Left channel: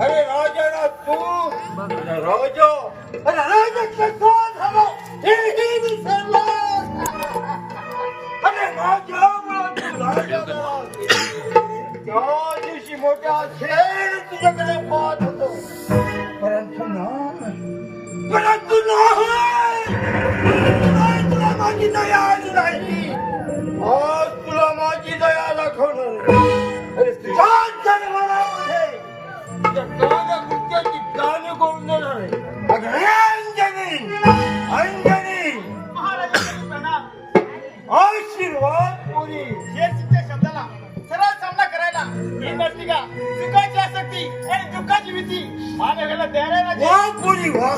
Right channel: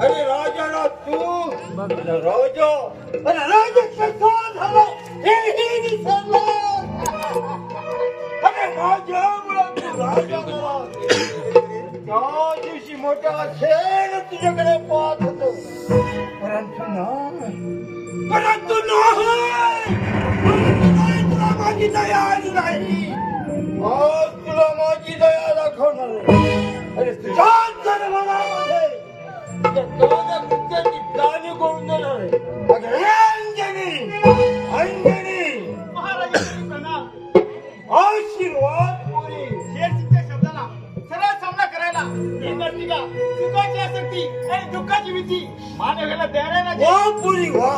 अरे राजा ना तू राजा अरे राजा कसा झाला हेही विसरला अरे माझ्या मुलात तू राजा त्या दिवशी मोठा खेळ तुझ्याकडे पाहत होतो परंतु नाही तुला माझी दया आली नाही आज तुला माझी दया दाखवणार अरे तुझ्या जन्मनामध्ये तुझ्या सर्व कृत्याची जाणीव करून देणार आहे अंजनी अंजनी महाराजांनी प्रणाम. आशीर्वाद पुरी शेरसीच्या शब्दाला सरळ सामना करायला ही नसती का सुखाची आसक्ती आणि दुःखाची भीती मानवाला द्यायला वा पुरी वा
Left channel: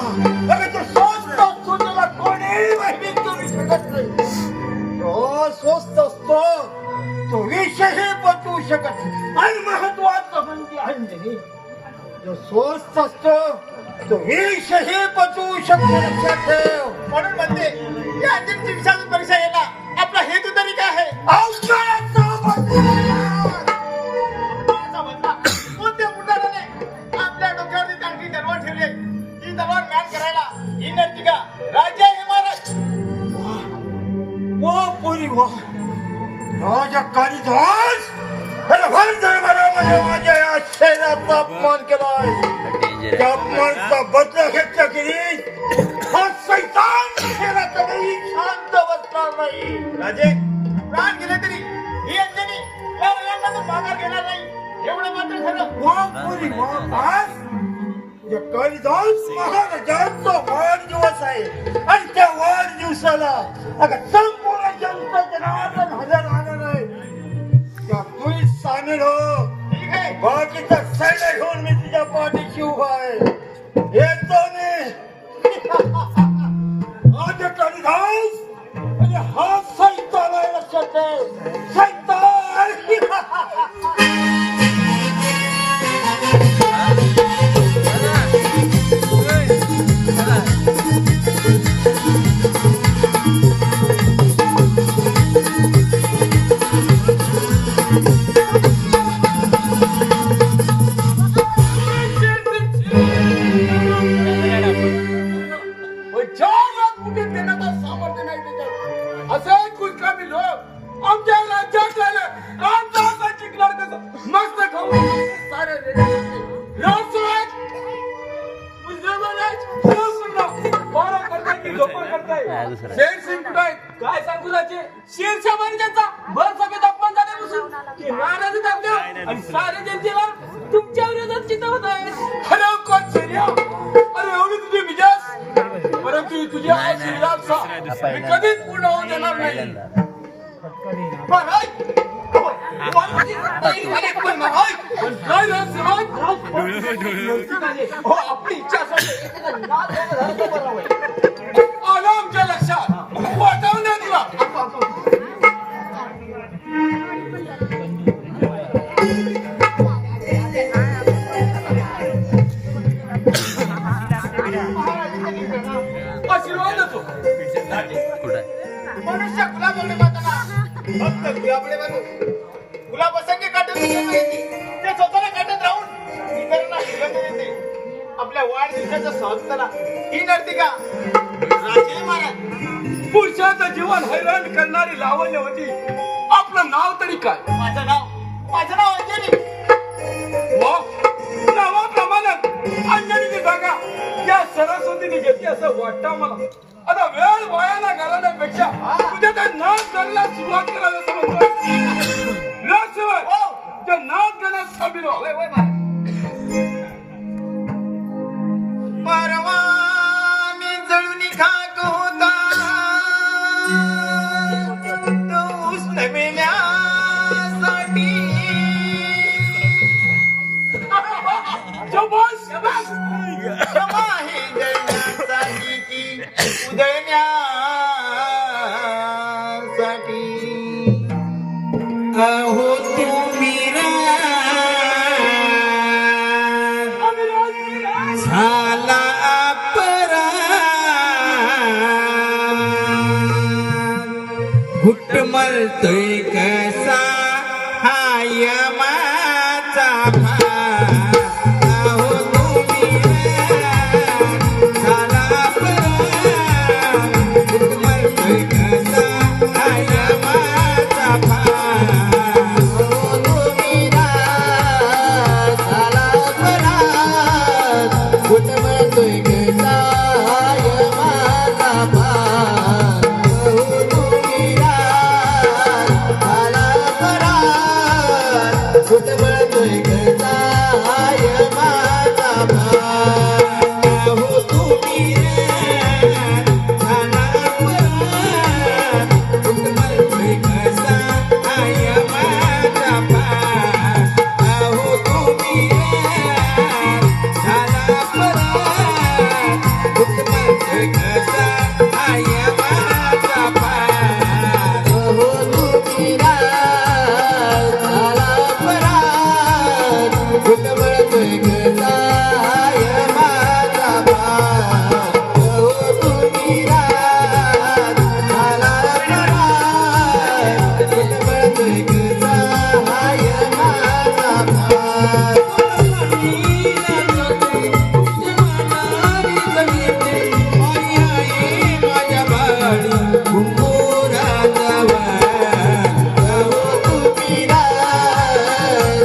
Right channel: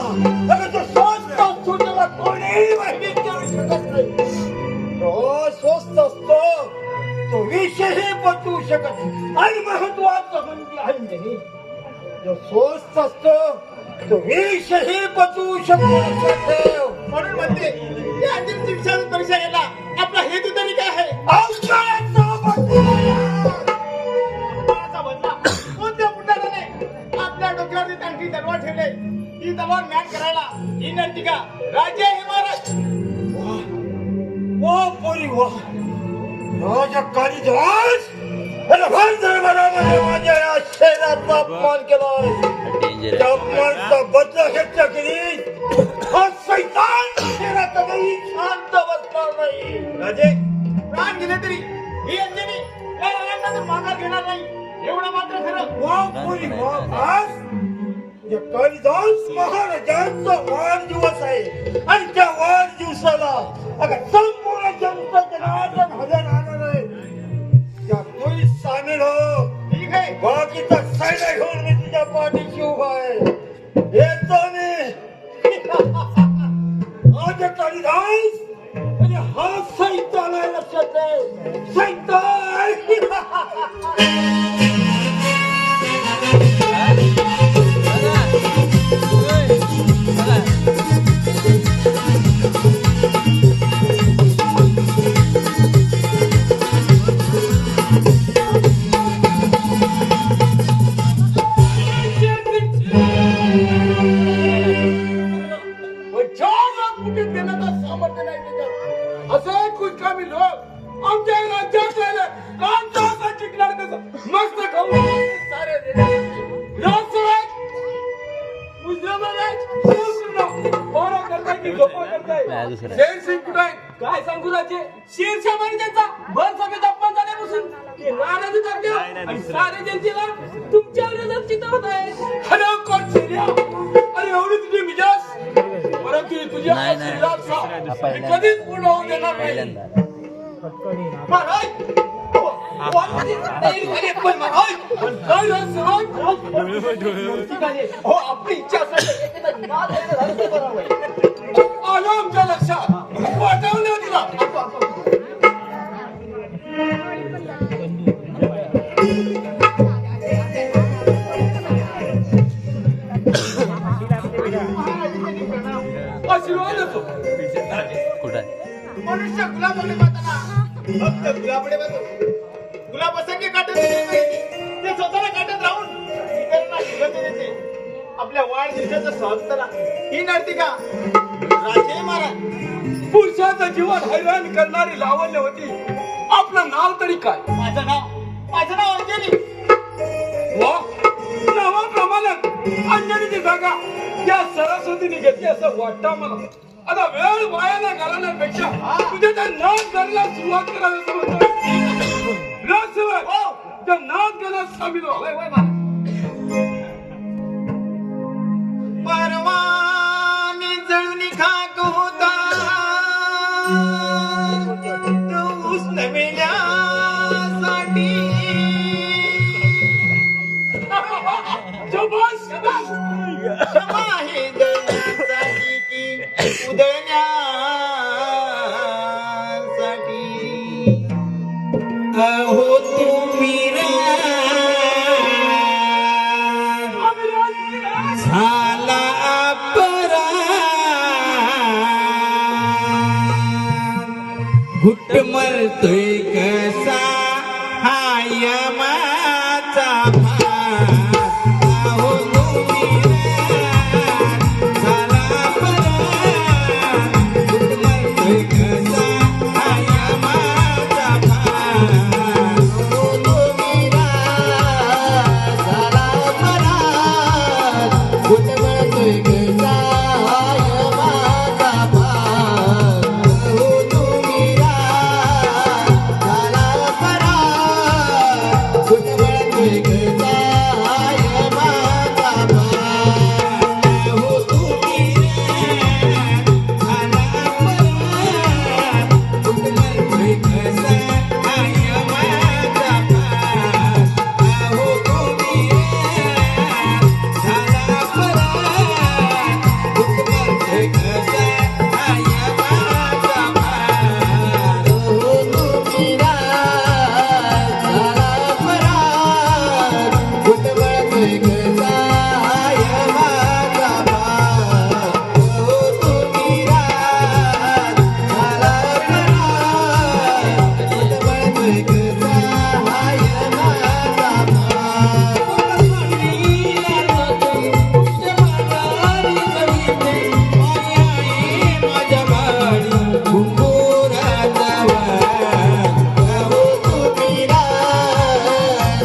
अगं तो स्वस्त असतो त्याला कोणीही माहिती करू शकत नाही तो स्वस्त असतो तो विषयही पचवू शकत नाही आणि महत्वाचं म्हणजे अंजनी जो स्वस्त असतो तो विषयही पचवू शकतो लक्षात ठेव म्हणून म्हणते या अंतिम दिवसाची परीक्षा यायला आपला हेतू तरी काय आहे अवकाळाचा अपमानाचा बदला कोणत्या पुढाऱ्याने आपल्या डोक्यावरती तांठी तलवार ठेवले ती तलवार मॅन करायला ही नरती का राजा हे महाराज वा पुरी वा राजा कालिदास अरे भारतामध्ये माझ्या या शहराचा अपमान केलाय त्या अपमानाचा बदला घेतला गेली हा सैतान शहराचा काही शांत बसणार नाही राजे प्राण गेले तरी ही अंजनी या रणांना माघार घेणार नाही एवढं मात्र खरं वा पुरी वा आज या कालिदास महाराजांचा वाढदिवस आहे आणि त्या वाढदिवसाला अगं संपूर्ण जनता जनार्दन हजर राहणार आहे त्या तूही सामील हो ठीक आहे बाकीचा सैन्य घेऊन मी तुझ्या पाठीशी उभा आहे येतो मी आज कालिदास आणि हा सैतान आहे लक्षात ठेव सैतान असं कुचकामी लोक आमच्या राज्यात राहिले कांदा टिकणार कसं मस्त खाऊन सारे काय सांगू राजे शेरशा महाराजांचा भर सभेत अपमान झाल्यापासून ते नाराज टाकले आणि सारे जनतेला तुमच्या विरोधात चितवत आहे हॅलो कोण शेर्या अरे एवढी तुझी मिजाज परंतु तुझी कधीच पूर्ण होऊ देणार नाही आपली इच्छा आलं आमच्या लक्षात वाटावून नाही दिला आशीर्वाद देतो मनुष्य गुलाबाकडे पाहताना फक्त गुलाबाकडे बघतो गुलाबासारखे काटत ते स्वतःला काटत राहून इतरांना शिकत देते आपल्या वाढदिवसाचं सहज करा ही नडती का राजे महाराज पुरुषाचं जीवन हैराण करणारी लावण्यवती आपलं नाव तरी काय माझं नाव अंजनी वा नावाप्रमाणे अंजनीची जागा या सरस्वतीने घेतली असं वाटतं मला आता वेळ वायाला घालवण्यापेक्षा तुझ्या त्या नाच करायला सुरुवात करायला त्या नाच गाण्यात सामील परवानी जळून खाक होता उष्ण जळण्यासाठी ती उधळण्यासाठी अहो तुम्ही झाला परा घुट मरतोय कसा हा यमाचा भार. अहो तुम्ही झाला परा घुट मरतोय कसा हा यमाचा भार. अहो तुम्ही झाला परा घुट मरतोय कसा हा यमाचा भार. अहो तुम्ही झाला परा घुट मरतोय कसा हा यमाचा भार. अहो तुम्ही झाला परा घुट मरतोय कसा हा यमाचा भार. अहो तुम्ही झाला परा घुट मरतोय कसा हा यमाचा भार. अहो तुम्ही झाला परा घुट मरतोय कसा हा यमाचा भार. अहो तुम्ही झाला परा घुट मरतोय कसा हा यमाचा भार. माझ्या बाळू घुंगुराचा वार. अहो तुम्ही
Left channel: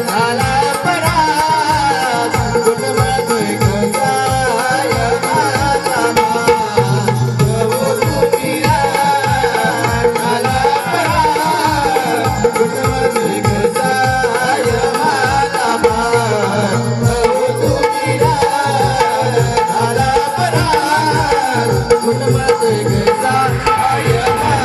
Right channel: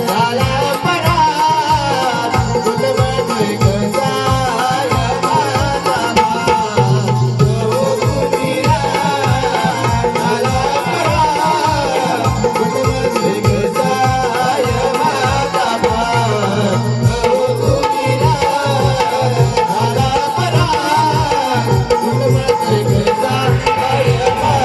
झाला परा घुट मरतोय कसा हा यमाचा भार. अहो तुम्ही झाला परा घुट मरतोय कसा हा यमाचा भार. अहो तुम्ही झाला परा घुट मरतोय कसा हा यमाचा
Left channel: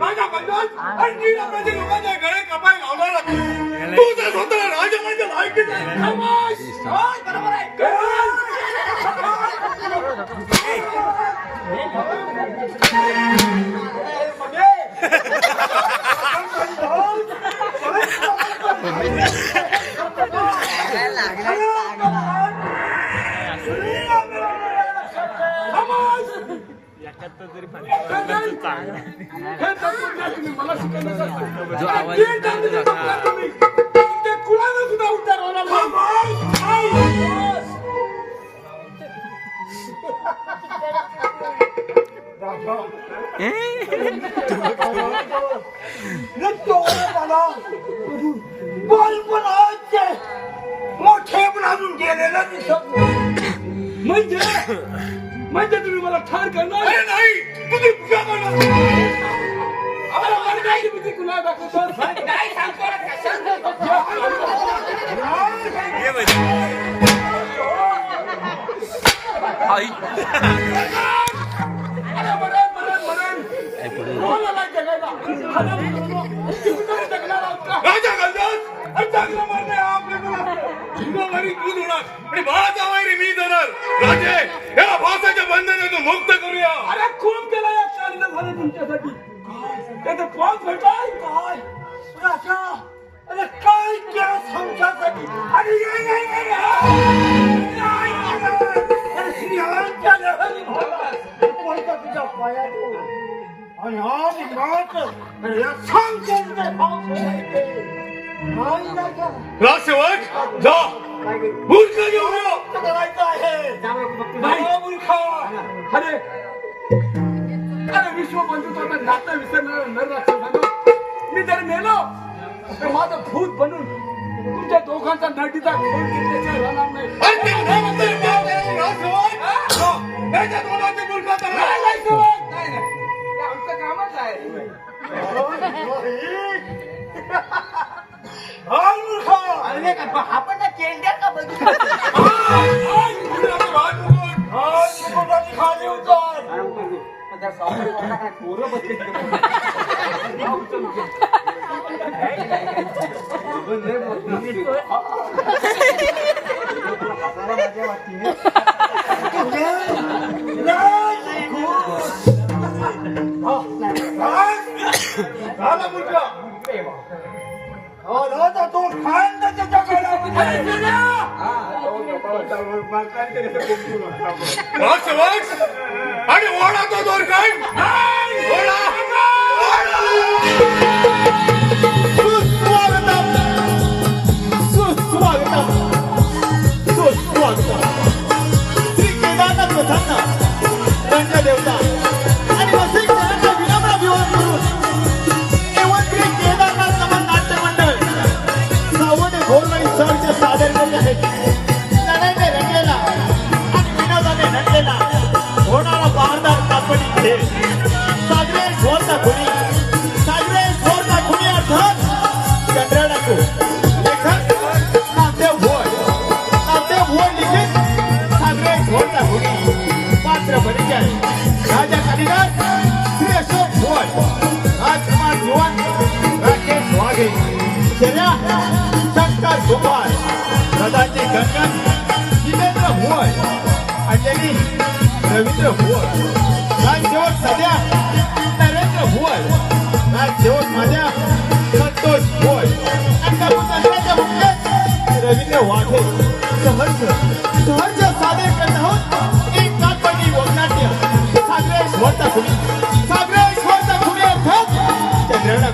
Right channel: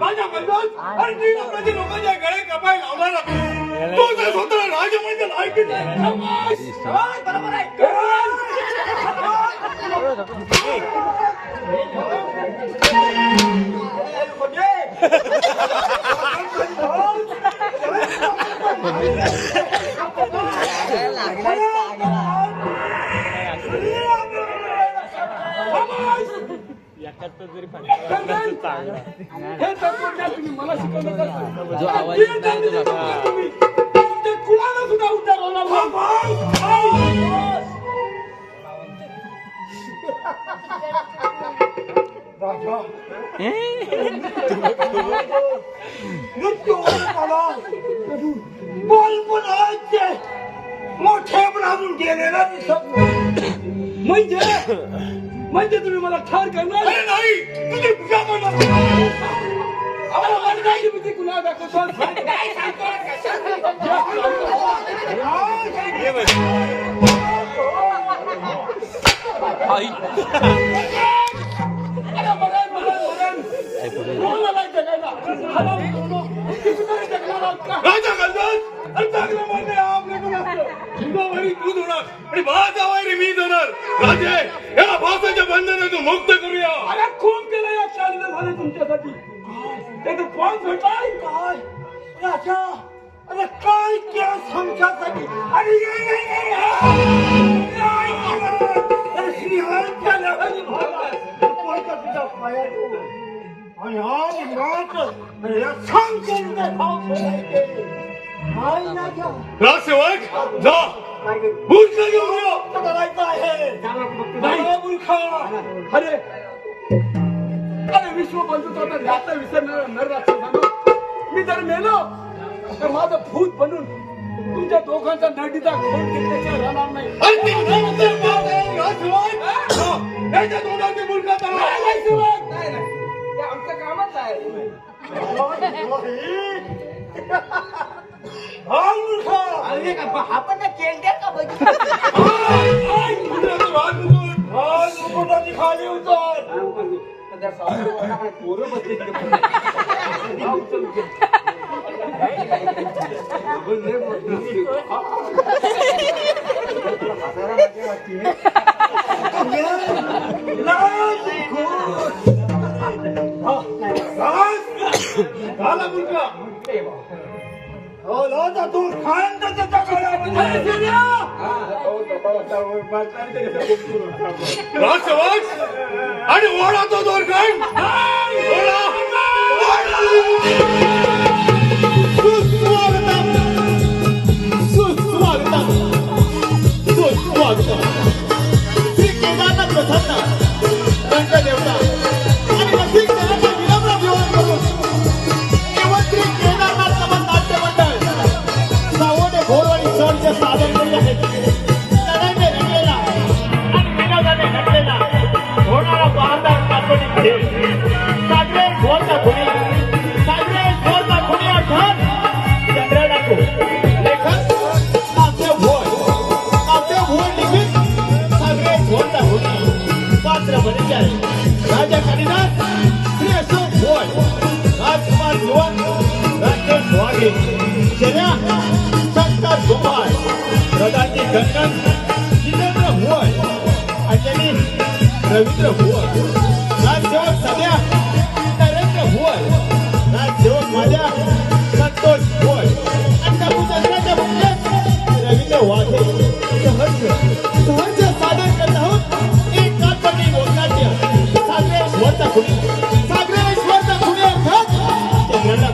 माझ्या बंधन आणि नीळामध्ये लोकांच्या गळे कपाय लावणारा मी. तो जर स्वतः राजमान्य लायकीत नाही. खामोश. बरोबर आहे. जो आवाज ते कुणाला सुद्धा उत्तर बालपणाचे मोठे म्हणून गेलेला दिसत म्हणजे तुम्ही मला ठार करणार नाही. तुम्ही पूजा करणार आम्हाला मला काय तुम्ही कुणा दाखवतो राजे याला फासाच्या बंधनातून मुक्त करूया. अरे खून केला या शाळेला झाले तुमच्यासाठी. त्याचं पास भेटाय काय राजा. अरे काय त्या संसासाठी अरे अरे श्रीहरीच्या लहरी कोणता तुझ्या पायातून आणि आज मात सांग कोणते राजसेवक जा मूर्ख घेऊन करायचं आहे. मूर्ख अरे अरे विश्व बंधुत्वाचा नाता विसरणार न राक्षसांना मी जर मेलो तर माझं भूत बनून तुमच्या दोघांचा नडीचा खोल घेतल्याशिवाय राहणार नाही. याच्या तोंडाची मूर्खता नाही, नाही, शिवाय. नाही, नाही. ते आमचं कामच आहे. हा मूर्ख अरे का, आपण ना केलत्या का बघितलं? कोणाची खाली उतर त्या सावकाराला काय पोरं बसले तिथे. झाला मूर्ख तो खान त्याच्या काळामध्ये आणि ओढा तो दोर खान रवींद्र भुवन राजसेवक सध्या नरेंद्र भुवन राजसेवक माझ्या संतोष भुवन आणि दसऱ्याच्या मुख्य रवींद्र वाघे सहर्ष सादर करत आहोत एक काल्पनिक वगनाट्य सागरेश्वरचा खुनी चंद्रना